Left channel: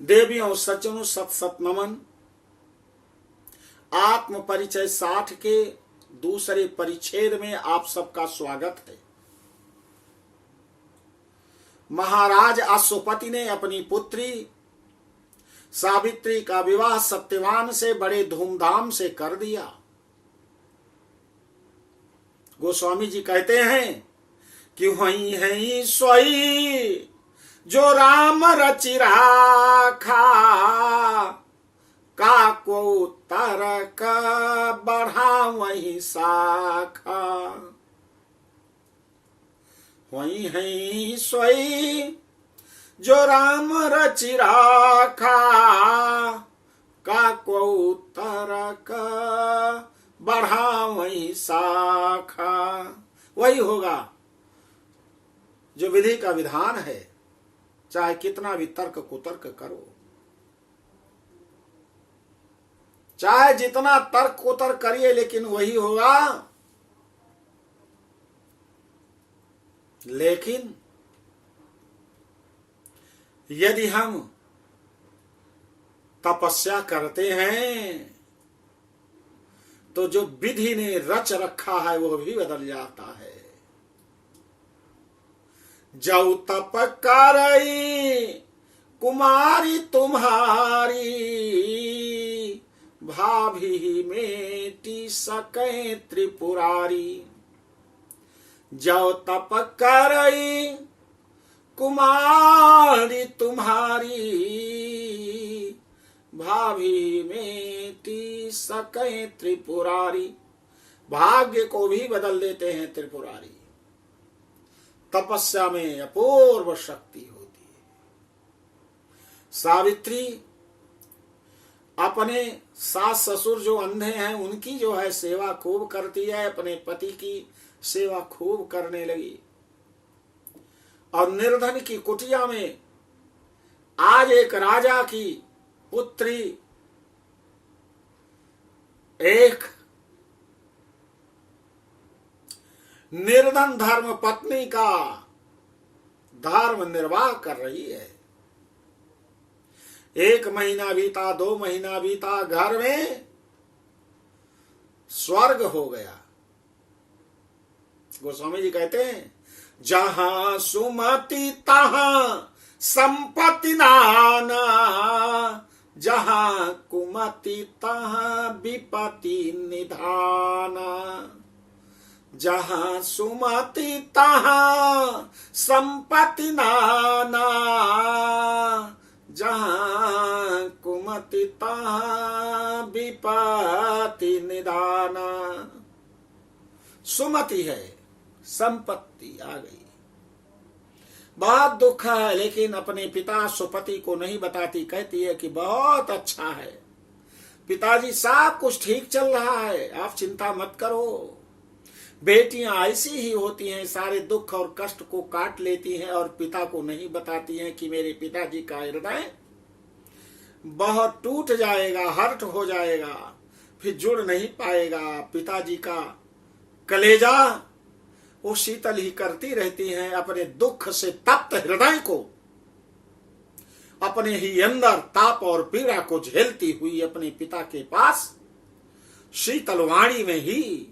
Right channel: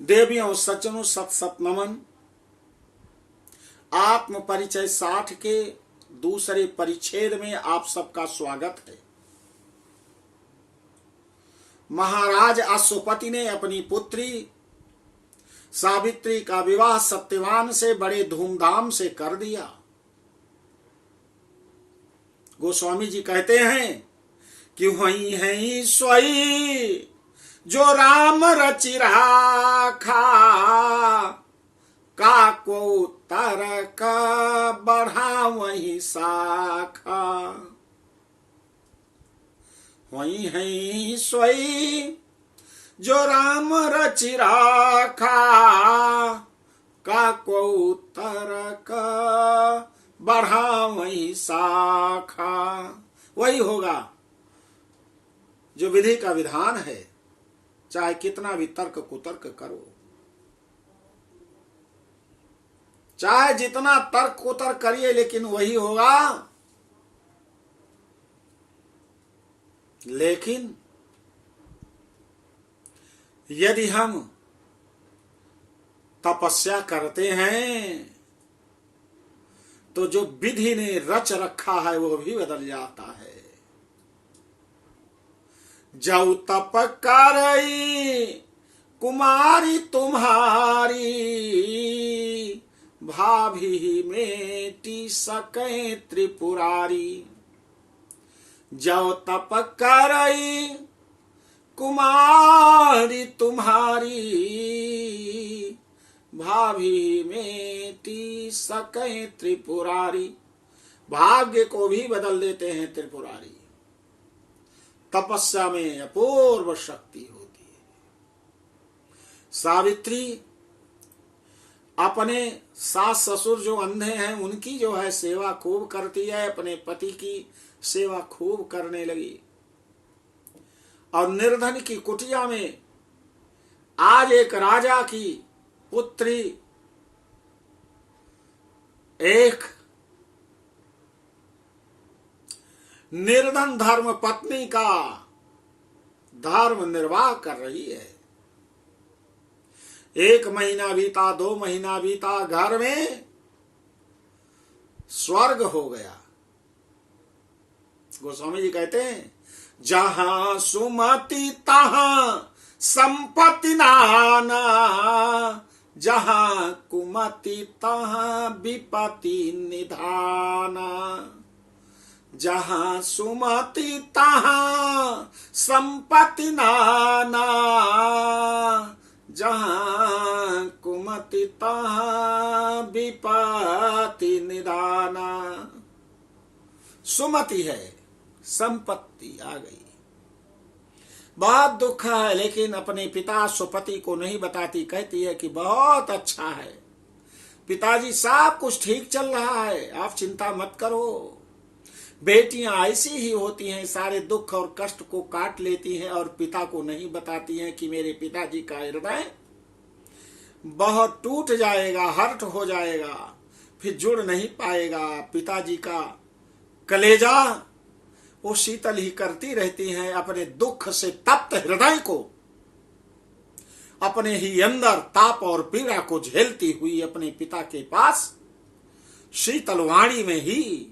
देवियों सज्जनों सत सत नमन। आत्म परिचय 60 के दूसरे परिच्छेद में आप सबका स्वागत है। महाराज अश्वपति ने अपनी पुत्री सावित्री का विवाह सत्यवान से बड़े धूमधाम से कर दिया। गोस्वामी जी कहते हैं कि वही है सोई जो राम रचि राखा, काको तरक बढ़ा वही शाखा। वही है सोई जो राम रचि राखा, काको तरक बढ़ा वही शाखा। वही होगा जो विधि का विधान है, चाहे कितना भी तर्क कुतर्क करो, चाहे जितना तर्क कुतर्क करिए, लेकिन वही होगा। लेकिन यदि हम तपस्या करते हैं तो जो विधि ने रच रखा है वो भी बदल जाता है। जौ तप करई कुमारी तुम्हारी, भाभी मेटी सकै त्रिपुरारी। जौ तप करई कुमारी तुम्हारी, भाभी मेटी सकै त्रिपुरारी। भाग्य को भी बदल देते हैं त्रिपुरारी। तपस्या में अपूर्व शक्ति होती है। सावित्री अपने सास ससुर जो अंधे हैं उनकी जो है सेवा खूब करती है, अपने पति की सेवा खूब करने लगी। और निर्धन की कुटिया में आज एक राजा की पुत्री एक निर्धन धर्म पत्नी का धर्म निर्वाह कर रही है। 1 महीना बीता, 2 महीना बीता, घर में स्वर्ग हो गया। गोस्वामी जी कहते हैं, जहां सुमति तहां संपत्ति नाना, जहां कुमति तहां विपत्ति निधाना। जहां सुमति तहां संपत्ति नाना, जहां कुमति तहां विपत्ति निधाना। सुमति है, संपत्ति आ गई, बहुत दुख है, लेकिन अपने पिता सुपति को नहीं बताती। कहती है कि बहुत अच्छा है पिताजी, सब कुछ ठीक चल रहा है, आप चिंता मत करो। बेटियां ऐसी ही होती हैं, सारे दुख और कष्ट को काट लेती हैं और पिता को नहीं बताती हैं कि मेरे पिताजी का हृदय बहुत टूट जाएगा, हर्ट हो जाएगा, फिर जुड़ नहीं पाएगा। पिताजी का कलेजा वो शीतल ही करती रहती हैं। अपने दुख से तप्त हृदय को, अपने ही अंदर ताप और पीड़ा को झेलती हुई अपने पिता के पास शीतल वाणी में ही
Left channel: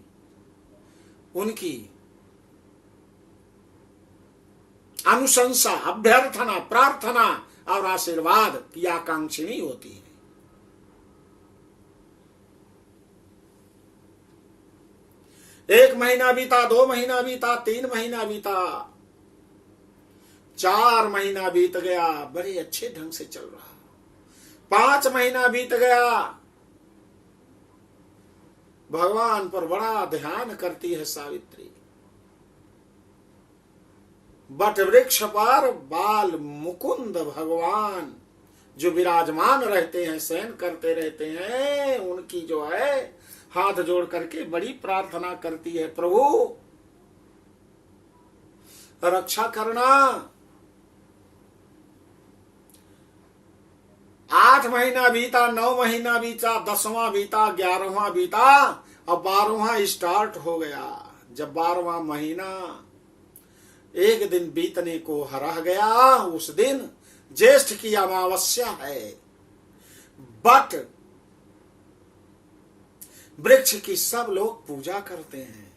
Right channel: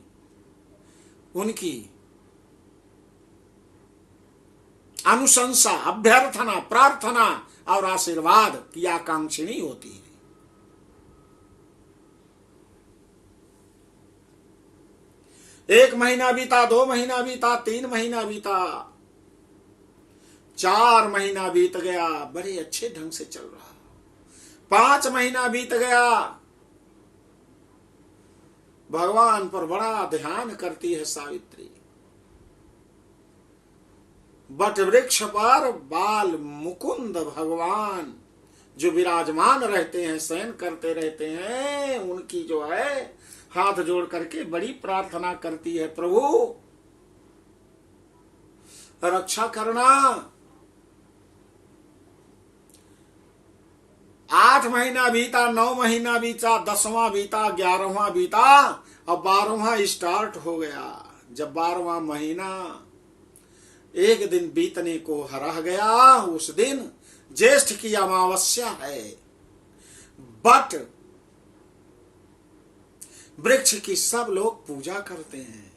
उनकी अनुशंसा, अभ्यर्थना, प्रार्थना और आशीर्वाद की आकांक्षिणी होती है। एक महीना बीता, 2 महीना बीता, 3 महीना बीता, 4 महीना बीत गया, बड़े अच्छे ढंग से चल रहा। 5 महीना बीत गया, भगवान पर बड़ा ध्यान करती है सावित्री। बट वृक्ष पर बाल मुकुंद भगवान जो विराजमान रहते हैं, शयन करते रहते हैं, उनकी जो है हाथ जोड़ करके बड़ी प्रार्थना करती है, प्रभु रक्षा करना। 8 महीना बीता, 9 महीना बीता, 10वां बीता, 11वां बीता, अब 12वां स्टार्ट हो गया। जब 12वां महीना एक दिन बीतने को रह गया, उस दिन ज्येष्ठ की अमावस्या है, बट वृक्ष की सब लोग पूजा करते हैं।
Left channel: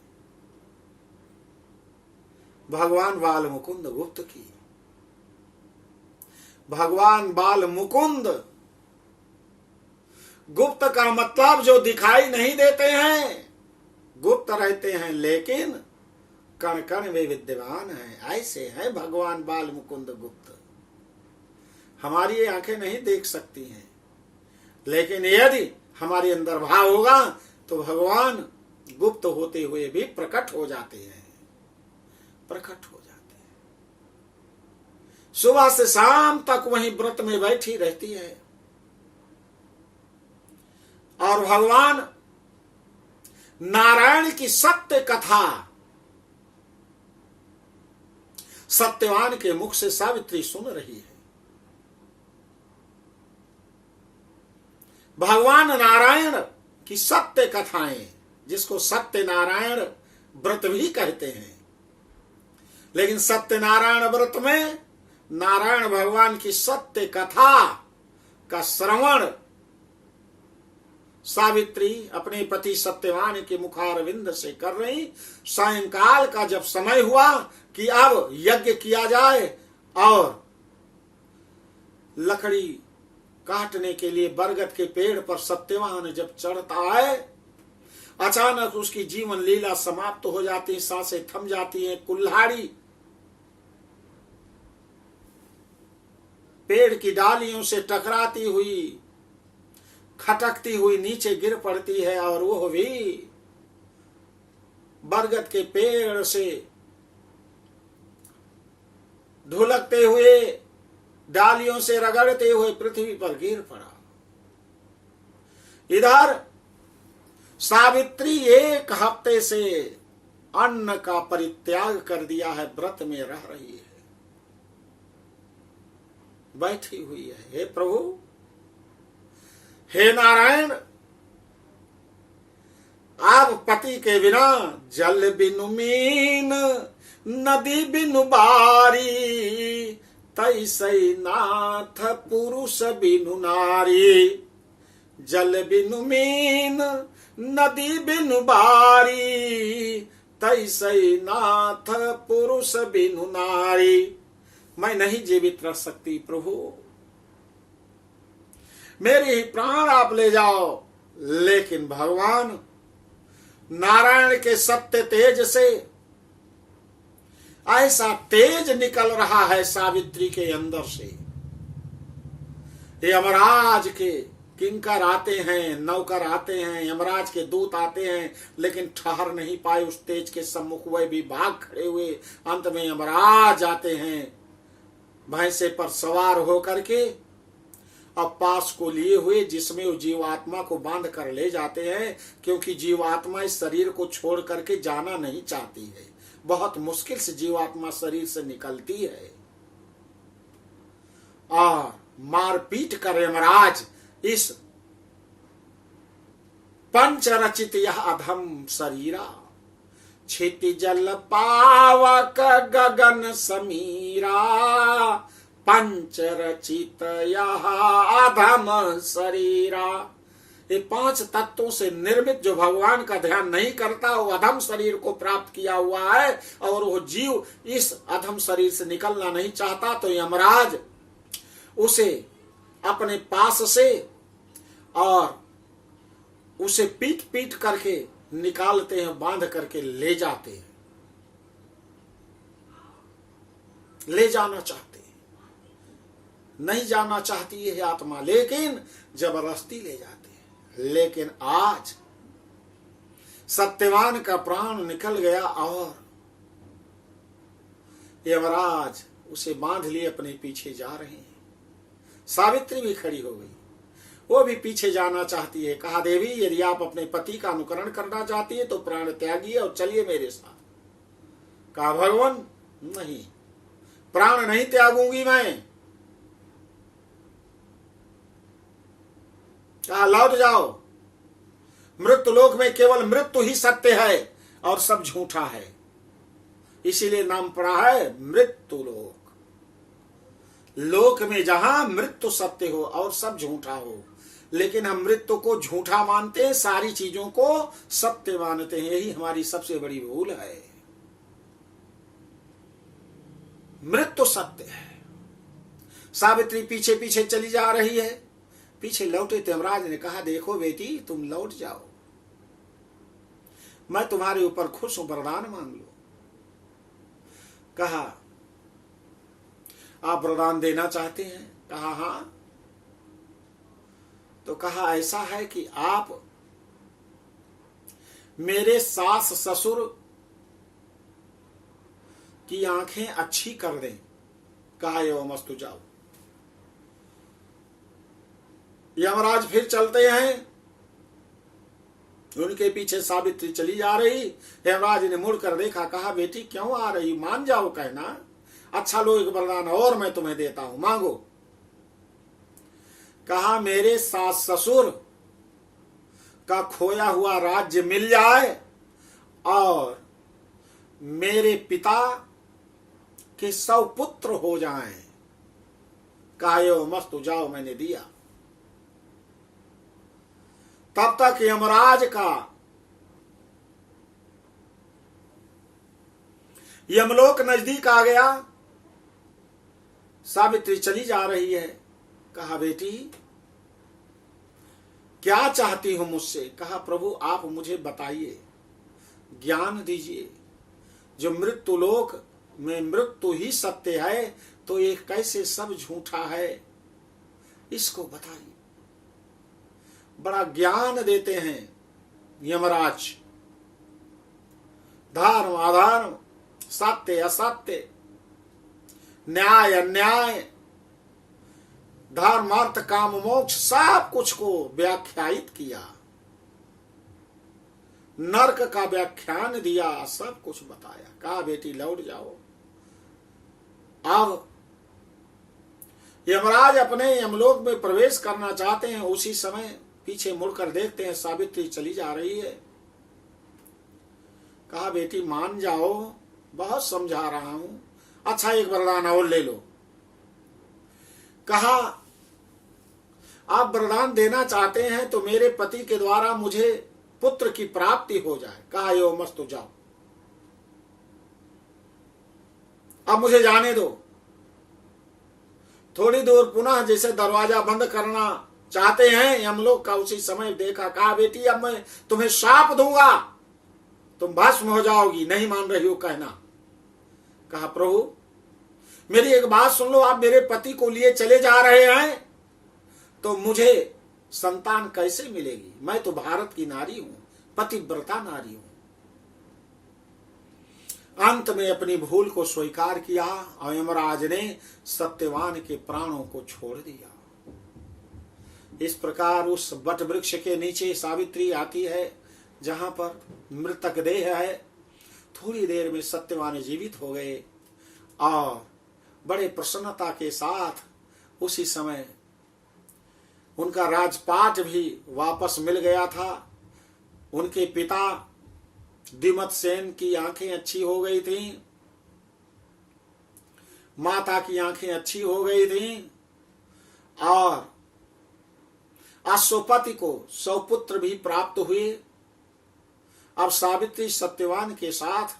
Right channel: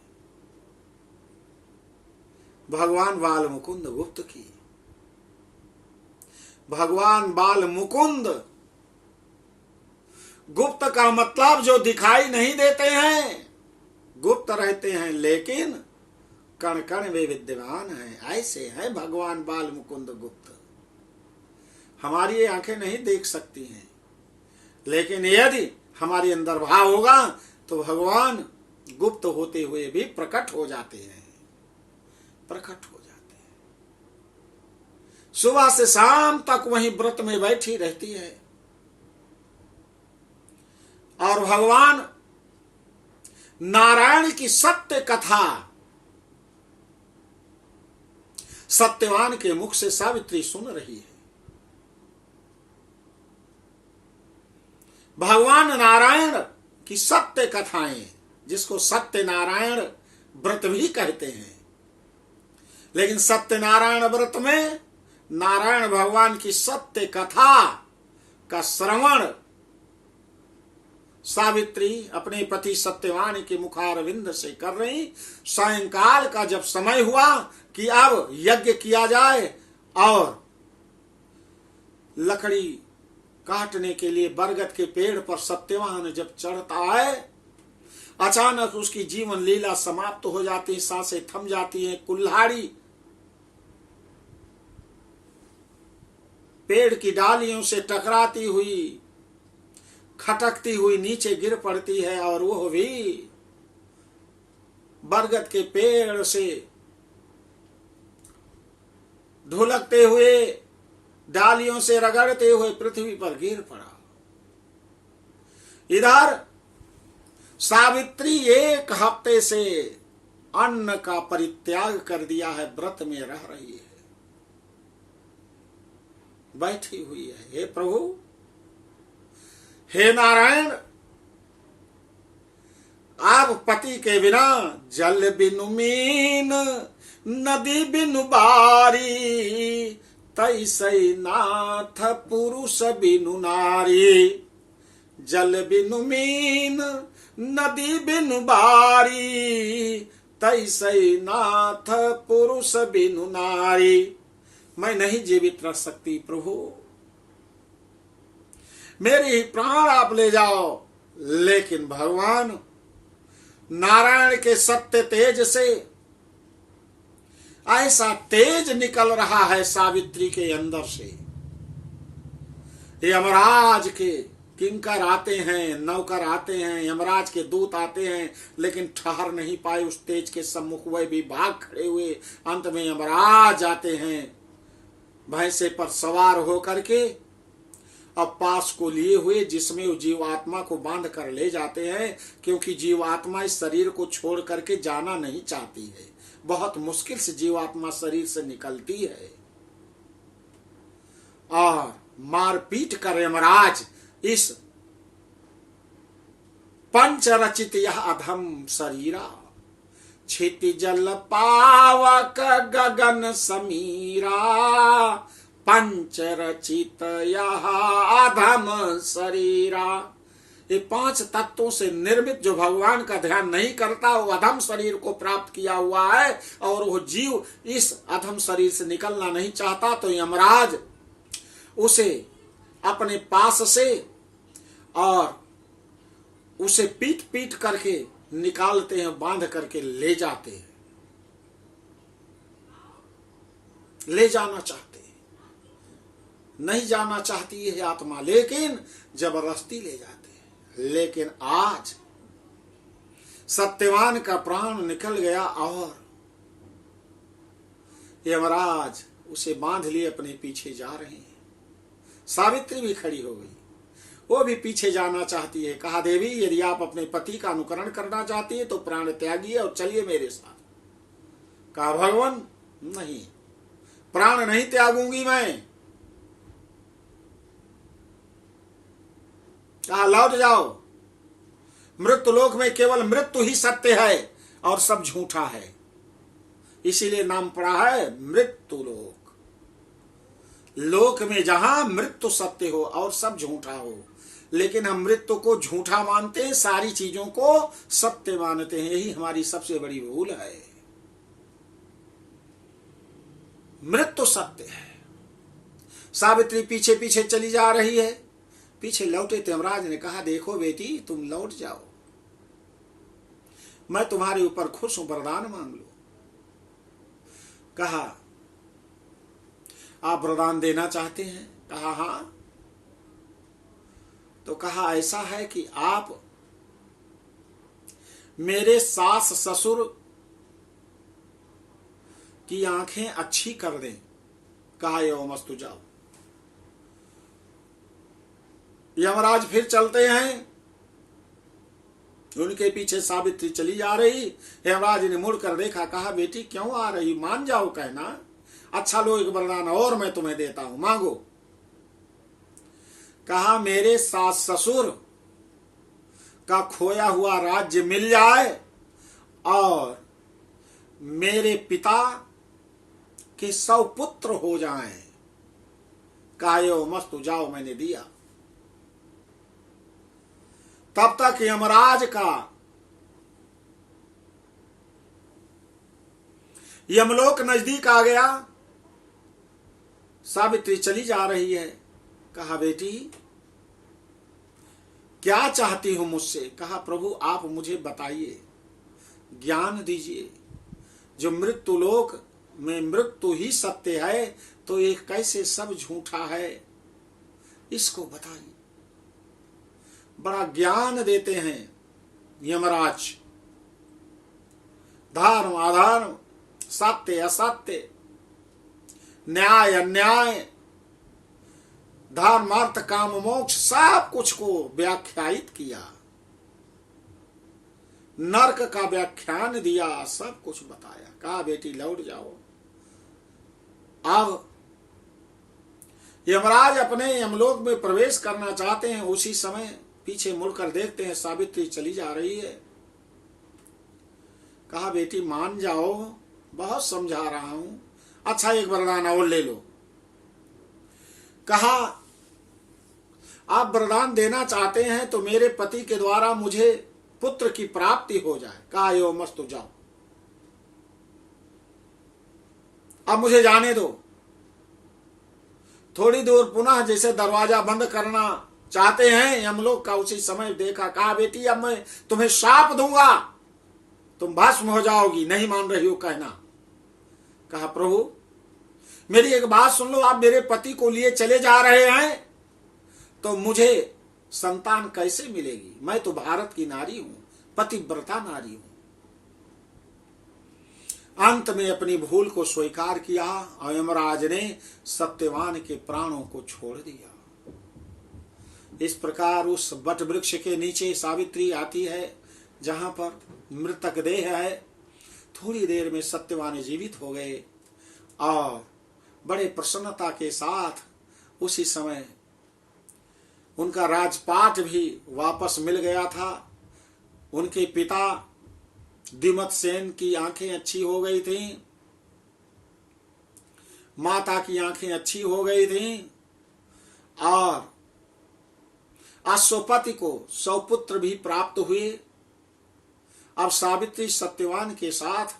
भगवान बाल मुकुंद गुप्त की, भगवान बाल मुकुंद गुप्त का मतलब जो दिखाई नहीं देते हैं, गुप्त रहते हैं, लेकिन कण कण वे विद्यमान हैं। ऐसे हैं भगवान बाल मुकुंद गुप्त। हमारी ये आंखें नहीं देख सकती हैं, लेकिन यदि हमारे अंदर भाव होगा तो भगवान गुप्त होते हुए भी प्रकट हो जाते हैं, प्रकट हो जाते हैं। सुबह से शाम तक वहीं व्रत में बैठी रहती है और भगवान नारायण की सत्य कथा सत्यवान के मुख से सावित्री सुन रही है। भगवान नारायण की सत्य कथाएं, जिसको सत्य नारायण व्रत भी कहते हैं, लेकिन सत्यनारायण व्रत में नारायण भगवान की सत्य कथा का श्रवण सावित्री अपने पति सत्यवान के मुखारविंद से कर रही। सायंकाल का जब समय हुआ कि अब यज्ञ किया जाए और लकड़ी काटने के लिए बरगद के पेड़ पर सत्यवान जब चढ़ता है, अचानक उसकी जीवन लीला समाप्त हो जाती है, सांसें थम जाती हैं। कुल्हाड़ी पेड़ की डालियों से टकराती हुई, खटकती हुई नीचे गिर पड़ती है और वो भी बरगद के पेड़ से ढुलकते हुए, डालियों से रगड़ते हुए पृथ्वी पर गिर पड़ा। इधर सावित्री 1 हफ्ते से अन्न का परित्याग कर दिया है, व्रत में रह रही है, बैठी हुई है। हे प्रभु, हे नारायण, आप पति के बिना जल बिनु मीन, नदी बिनु बारी, तैसै नाथ पुरुष बिनु नारी। जल बिनु मीन, नदी बिनु बारी, तैसै नाथ पुरुष बिनु नारी। मैं नहीं जीवित रह सकती प्रभु, मेरे ही प्राण आप ले जाओ। लेकिन भगवान नारायण के सत्य तेज से ऐसा तेज निकल रहा है सावित्री के अंदर से। यमराज के किंकर आते हैं, नौकर आते हैं, यमराज के दूत आते हैं, लेकिन ठहर नहीं पाए उस तेज के सम्मुख। वह भी भाग खड़े हुए। अंत में यमराज आते हैं भैंसे पर सवार होकर के, अब पास को लिए हुए, जिसमें वो जीवात्मा को बांध कर ले जाते हैं, क्योंकि जीवात्मा इस शरीर को छोड़ करके जाना नहीं चाहती है। बहुत मुश्किल से जीवात्मा शरीर से निकलती है और मारपीट कर यमराज इस पंच रचित यह अधम शरीरा, क्षितिजल पावक गगन समीरा, पंच रचित यह अधम शरीरा। ये 5 तत्वों से निर्मित जो भगवान का ध्यान नहीं करता, वो अधम शरीर को प्राप्त किया हुआ है और वो जीव इस अधम शरीर से निकलना नहीं चाहता। तो यमराज उसे अपने पास से और उसे पीट पीट करके निकालते हैं, बांध करके ले जाते हैं, ले जाना चाहते हैं। नहीं जाना चाहती है आत्मा, लेकिन जबरदस्ती ले जाते हैं। लेकिन आज सत्यवान का प्राण निकल गया और यमराज उसे बांध लिए अपने पीछे जा रहे हैं। सावित्री भी खड़ी हो गई, वो भी पीछे जाना चाहती है। कहा, देवी, यदि आप अपने पति का अनुकरण करना चाहती है तो प्राण त्यागिए और चलिए मेरे साथ। कहा, भगवान नहीं, प्राण नहीं त्यागूंगी मैं। कहा, लौट जाओ, मृत्यु लोक में केवल मृत्यु ही सत्य है और सब झूठा है, इसीलिए नाम पड़ा है मृत्यु लोक। लोक में जहां मृत्यु सत्य हो और सब झूठा हो, लेकिन हम मृत्यु को झूठा मानते हैं, सारी चीजों को सत्य मानते हैं। यही हमारी सबसे बड़ी भूल है। मृत्यु सत्य है। सावित्री पीछे पीछे चली जा रही है। पीछे लौटे यमराज ने कहा, देखो बेटी, तुम लौट जाओ, मैं तुम्हारे ऊपर खुश हूं, वरदान मांग लो। कहा, आप वरदान देना चाहते हैं? कहा, हां। तो कहा, ऐसा है कि आप मेरे सास ससुर की आंखें अच्छी कर दें। कहा, एवमस्तु, जाओ। यमराज फिर चलते हैं, उनके पीछे सावित्री चली जा रही। यमराज ने मुड़कर देखा, कहा, बेटी क्यों आ रही, मान जाओ कहना। अच्छा लो, एक वरदान और मैं तुम्हें देता हूं, मांगो। कहा, मेरे सास ससुर का खोया हुआ राज्य मिल जाए और मेरे पिता के 100 पुत्र हो जाएं। कहा, एवमस्तु, जाओ, मैंने दिया। तब तक यमराज का यमलोक नजदीक आ गया। सावित्री चली जा रही है। कहा, बेटी क्या चाहती हो मुझसे? कहा, प्रभु आप मुझे बताइए, ज्ञान दीजिए। जो मृत्यु लोक में मृत्यु ही सत्य है, तो ये कैसे सब झूठा है, इसको बताइए। बड़ा ज्ञान देते हैं यमराज। धर्म अधर्म, सत्य असत्य, न्याय अन्याय, धर्म अर्थ काम मोक्ष, सब कुछ को व्याख्यायित किया, नरक का व्याख्यान दिया, सब कुछ बताया। कहा, बेटी लौट जाओ। अब यमराज अपने यमलोक में प्रवेश करना चाहते हैं। उसी समय पीछे मुड़कर देखते हैं, सावित्री चली जा रही है। कहा, बेटी मान जाओ, बहुत समझा रहा हूं। अच्छा, एक वरदान और ले लो। कहा, आप वरदान देना चाहते हैं तो मेरे पति के द्वारा मुझे पुत्र की प्राप्ति हो जाए। कहा, एवमस्तु, जाओ, अब मुझे जाने दो। थोड़ी दूर पुनः जैसे दरवाजा बंद करना चाहते हैं यमलोक का, उसी समय देखा। कहा, बेटी अब मैं तुम्हें शाप दूंगा, तुम भस्म हो जाओगी, नहीं मान रही हो कहना। कहा, प्रभु मेरी एक बात सुन लो, आप मेरे पति को लिए चले जा रहे हैं तो मुझे संतान कैसे मिलेगी? मैं तो भारत की नारी हूं, पतिव्रता नारी हूं। अंत में अपनी भूल को स्वीकार किया और यमराज ने सत्यवान के प्राणों को छोड़ दिया। इस प्रकार उस वट वृक्ष के नीचे सावित्री आती है, जहां पर मृतक देह है। थोड़ी देर में सत्यवान जीवित हो गए और बड़े प्रसन्नता के साथ उसी समय उनका राजपाट भी वापस मिल गया था। उनके पिता दिमत सेन की आंखें अच्छी हो गई थीं, माता की आंखें अच्छी हो गई थीं और अश्वपति को 100 पुत्र भी प्राप्त हुए। अब सावित्री सत्यवान के साथ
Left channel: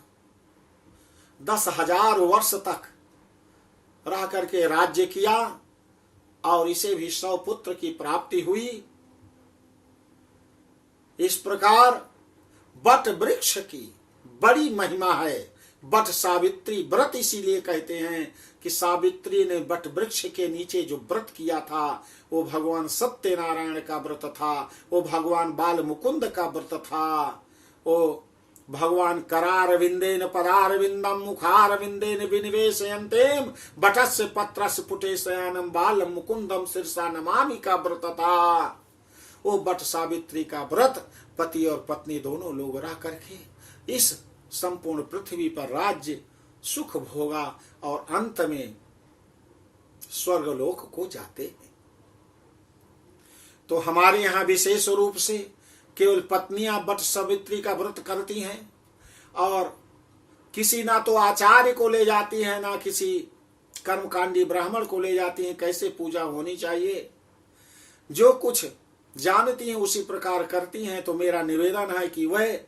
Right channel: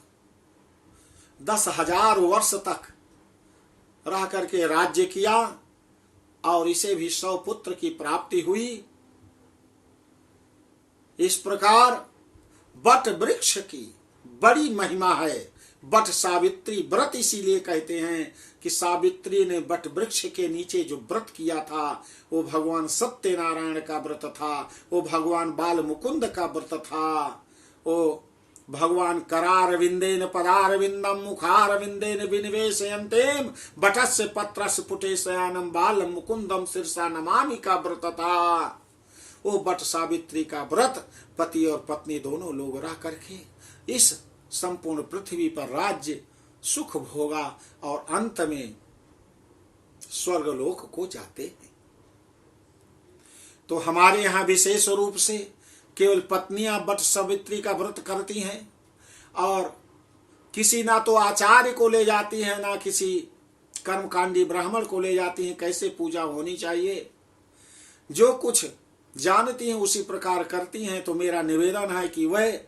10,000 वर्ष तक रह करके राज्य किया और इसे भी 100 पुत्र की प्राप्ति हुई। इस प्रकार वट वृक्ष की बड़ी महिमा है। वट सावित्री व्रत इसीलिए कहते हैं कि सावित्री ने वट वृक्ष के नीचे जो व्रत किया था वो भगवान सत्यनारायण का व्रत था, वो भगवान बाल मुकुंद का व्रत था, वो भगवान करारविंदेन पदारविंदम मुखारविंदेन विनिवेशयन्तेम वटस्य पत्रस्य पुटेशयानम बाल मुकुंदम शीर्षा नमामि का व्रत था। वो वट सावित्री का व्रत पति और पत्नी दोनों लोग रह करके इस संपूर्ण पृथ्वी पर राज्य सुख भोगा और अंत में स्वर्गलोक को जाते हैं। तो हमारे यहाँ विशेष रूप से केवल पत्नियां वट सावित्री का व्रत करती हैं और किसी ना तो आचार्य को ले जाती हैं ना किसी कर्मकांडी ब्राह्मण को ले जाती हैं, कैसे पूजा होनी चाहिए, जो कुछ जानती हैं उसी प्रकार करती हैं। तो मेरा निवेदन है कि वह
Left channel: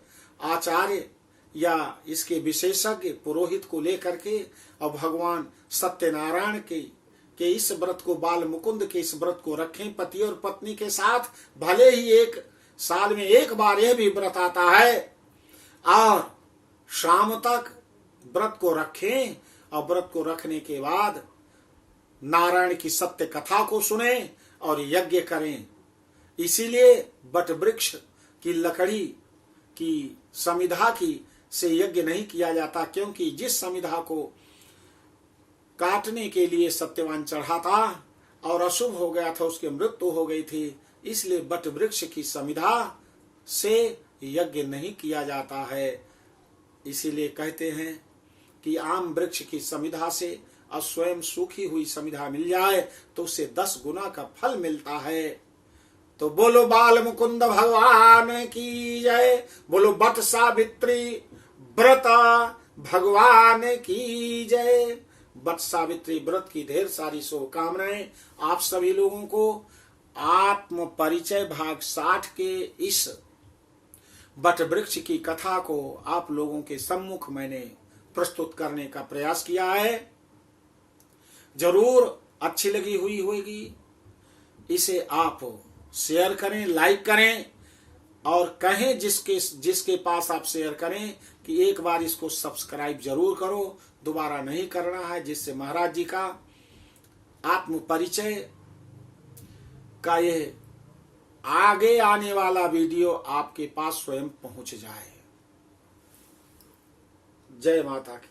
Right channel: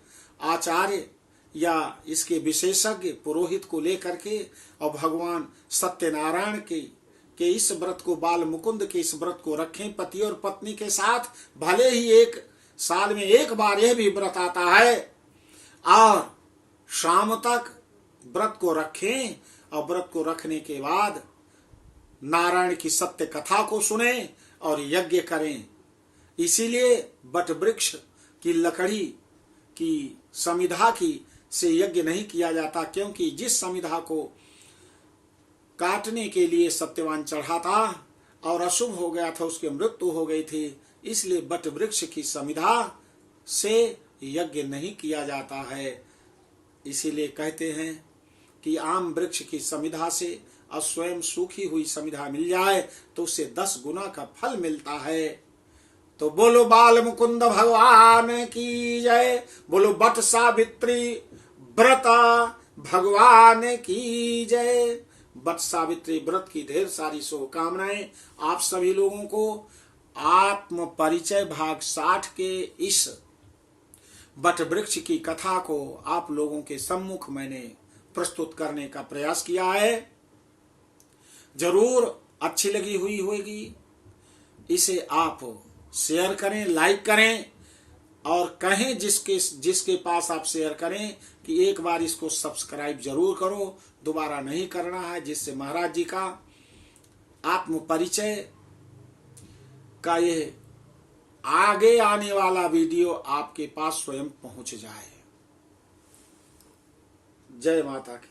आचार्य या इसके विशेषज्ञ पुरोहित को लेकर के और भगवान सत्यनारायण के इस व्रत को, बाल मुकुंद के इस व्रत को रखें पति और पत्नी के साथ। भले ही एक साल में एक बार यह भी व्रत आता है, और शाम तक व्रत को रखें और व्रत को रखने के बाद नारायण की सत्य कथा को सुने और यज्ञ करें। इसीलिए बट वृक्ष की लकड़ी की समिधा की से यज्ञ नहीं किया जाता, क्योंकि जिस समिधा को काटने के लिए सत्यवान चढ़ा था और अशुभ हो गया था, उसकी मृत्यु हो गई थी, इसलिए बट वृक्ष की समिधा से यज्ञ नहीं किया जाता है। इसीलिए कहते हैं कि आम वृक्ष की समिधा से और स्वयं सूखी हुई समिधा मिल जाए तो उसे 10 गुना का फल मिलता है। तो बोलो बाल मुकुंद भगवान की जय, बोलो बट सावित्री व्रत भगवान की जय। बट सावित्री व्रत की ढेर सारी शुभकामनाएं आप सभी लोगों को। आत्म परिचय भाग 60 के इस बट वृक्ष की कथा को आप लोगों के सम्मुख मैंने प्रस्तुत करने का प्रयास किया है। जरूर अच्छी लगी हुई होगी। इसे आप शेयर करें, लाइक करें और कहें जिसके पास आप शेयर करें कि एक बार इसको सब्सक्राइब जरूर करो, दोबारा नहीं करना है, जिससे महाराज जी का आत्म परिचय का ये आगे आने वाला वीडियो आपके पास स्वयं पहुंच जाए। जय माता की।